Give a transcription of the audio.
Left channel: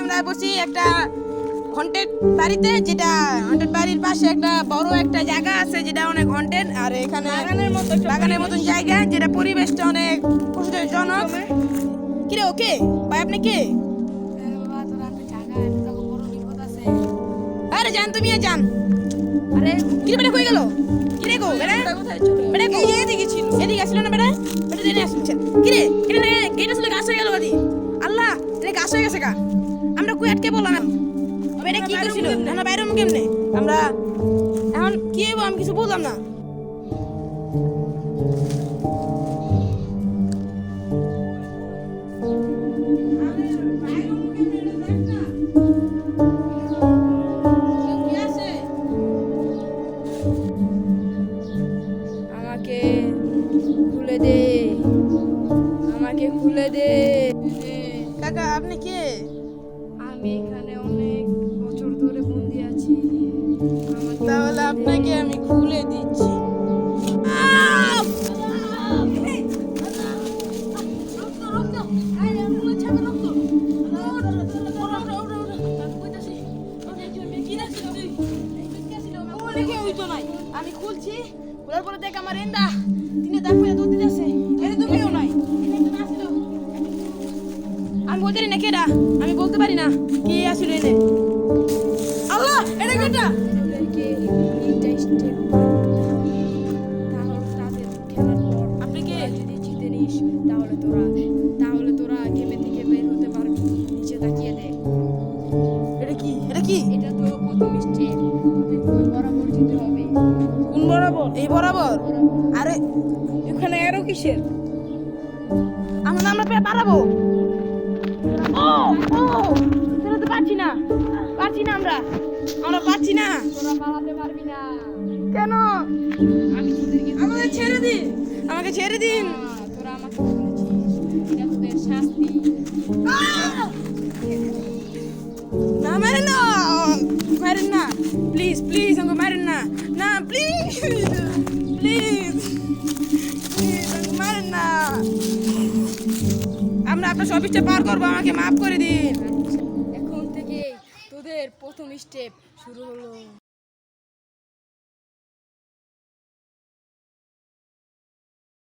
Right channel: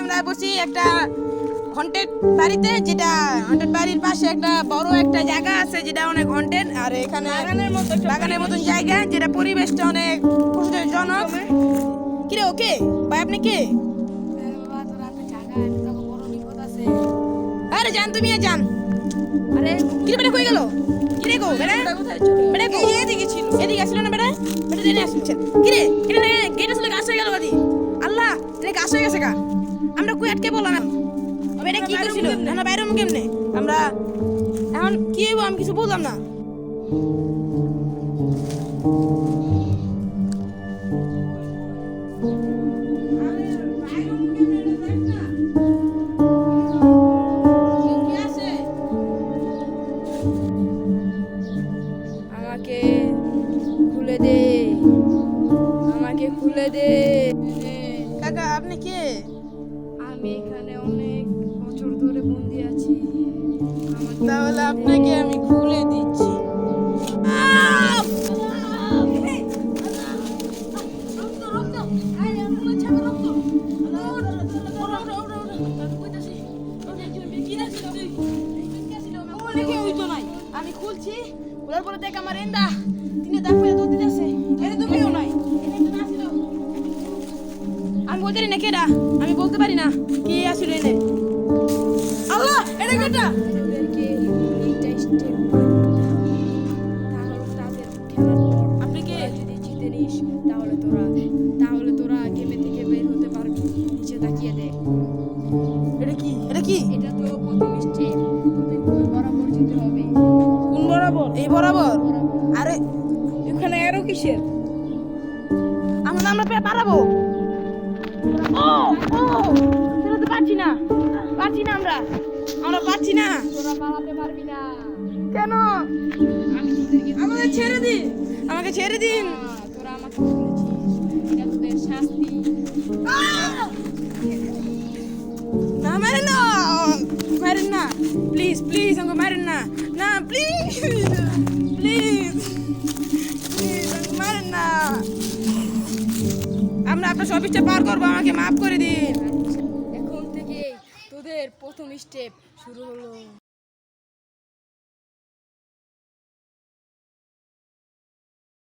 আমরা বসি একটা হন্টেড বাড়িতে, যেটা হন্টেড বাড়ির পাশে একটা বড় একটা জায়গা আছে যেটা অনেক হন্টেড, আর এখানে বাগানের মতন জায়গা, যেটা পরিবেশটা অনেক কষ্টজনক। কিরে ওকে ভাই, আপনি কে? আরে জান, তুমি যান। আরে কিরে বেটা কই গেল? কিরে গো বেটা, বেটা কই? এদিকে ছিল, এদিকে আসলো না বেটা? বেটা জেনে আসছে। কিরে এটা না গেট আসলে গাছ হয়ে গেল বাদি। আল্লাহ, এটা গাছ হয়ে গেছে কা। আমরা কই আটকে বললাম? বেটা কি করছিল? না বাইরে কেমনে আমরা এখন কি হইব? আমি কিছু বললাম না। আমাকে খুলে দে, আমাকে খুলে দে। কাকা আপনি কে? আমি এখানে অনেক বছর ধরে বন্দি আছি। তাহলে আপনাকে আমি খুলে দিচ্ছি। আমি খুলছি, খোলার পরে দেখ আমার এন্ডা তিনে দাগ পেয়ে দৌড় দিতেছে। এনে তো কেউ নাই, আমি বলতে পারি না কেডা, আমি বলতে পারি না কি আসলে এনে। আল্লাহ, এটা কেডা? ওদেরকে তিনটা স্টেপ তাহলে তাদের খেলার পর আপনি কে? যদি জিতে নিস তাহলে তোরা গেমে থেকে বের হতে পারবি। নিচে তাকিয়ে দে। এটা কি? এটা কি? এটা তো প্রথম স্টেপ। তোদের ওই বরাবর যেতে হবে। কোন বরাবর? এই বরাবর? আরে এখানে আরো কিসের? আমরা পারাবো। ও ও, সেটা তো পারছি না আমরা পারছি না। তোরা পালাতে পারবি না। কেন? আমি তোদেরকে আমাকে ছেড়ে দিন, আমাকে ছেড়ে দিন। তোরা আমাকে বলেছিস এটা তোদের শাস্তি। না মারেন না, মারেন না, প্লিজ প্লিজ আমাকে মারেন না, না প্লিজ প্লিজ প্লিজ আমাকে মারেন না। আমরা আপনার সবিসটা পার করবো, আমাকে মাফ করে দিন। এখন থেকে তোদের প্রথম স্টেপ শুরু হলো।